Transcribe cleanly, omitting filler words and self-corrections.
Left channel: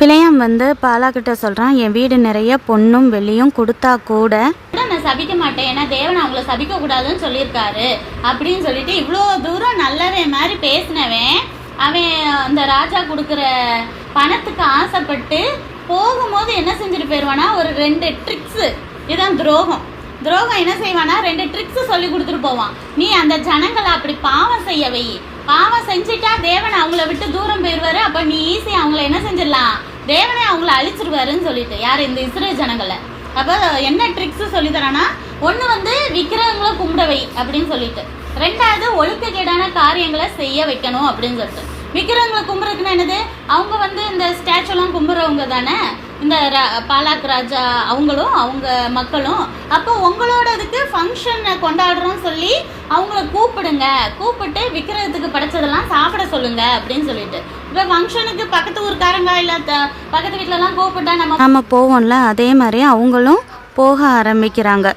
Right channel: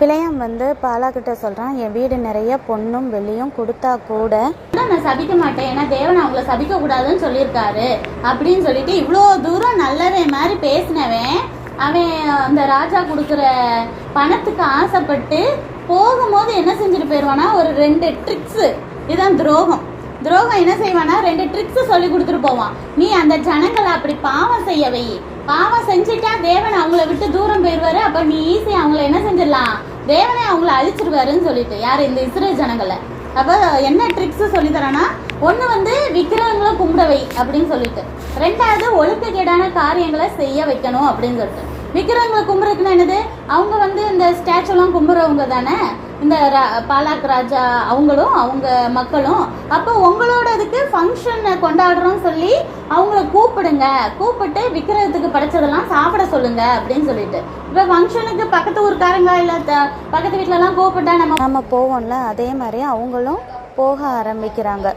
பிள்ளையாம் வந்து பாலாக்கிட்ட சொல்கிறான், என் வீடு நிறைய பொண்ணும் வெள்ளியும் கொடுத்தா கூட நான் சபிக்க மாட்டேன், ஏன்னா தேவன் அவங்கள சபிக்க கூடாதுன்னு சொல்லியிருக்காரு அப்படின்னு சொல்லிட்டு இவ்வளோ தூரம் நல்லவன் மாதிரி பேசினவன் அவன் அந்த ராஜா கொடுக்குற பணத்துக்கு ஆசைப்பட்டு போகும்போது என்ன செஞ்சுட்டு போயிடுவானா, ஒரு 2 ட்ரிக்ஸு. இதுதான் துரோகம். என்ன செய்வானா, 2 ட்ரிக்ஸ் சொல்லி கொடுத்துட்டு போவான். நீ அந்த ஜனங்களை அப்படி பாவம் செய்ய வை, பாவம் செஞ்சுட்டா தேவன் அவங்கள விட்டு தூரம் போயிடுவாரு, அப்போ நீ ஈஸியாக அவங்கள என்ன செஞ்சிடலாம், தேவனே அவங்கள அழிச்சிருவாருன்னு சொல்லிட்டு யார் இந்த இஸ்ரேல் ஜனங்களை. அப்போ என்ன ட்ரிக்ஸ் சொல்லி தரானா, ஒன்று வந்து விக்கிரகங்களும் கும்பிட வை அப்படின்னு சொல்லிட்டு, 2வது ஒழுக்கக்கேடான காரியங்களை செய்ய வைக்கணும் அப்படின்னு சொல்லிட்டு. விக்கிரகங்களை கும்புறதுக்குன்னா என்னது, அவங்க வந்து இந்த ஸ்டாச்சுலாம் கும்புறவங்க தானே இந்த பாலாக் ராஜா, அவங்களும் அவங்க மக்களும். அப்போ உங்களோட இதுக்கு ஃபங்க்ஷனை கொண்டாடுறோம் சொல்லி அவங்கள கூப்பிட்டு விக்கிரகத்துக்கு படைச்சதெல்லாம் சாப்பிட சொல்லுங்க அப்படின்னு சொல்லிட்டு. இப்போ ஃபங்க்ஷனுக்கு பக்கத்து ஊருக்காரங்க இல்லை பக்கத்து வீட்டிலலாம் கூப்பிட்டா நம்ம போவோம்ல, அதே மாதிரி அவங்களும் போக ஆரம்பிக்கிறாங்க.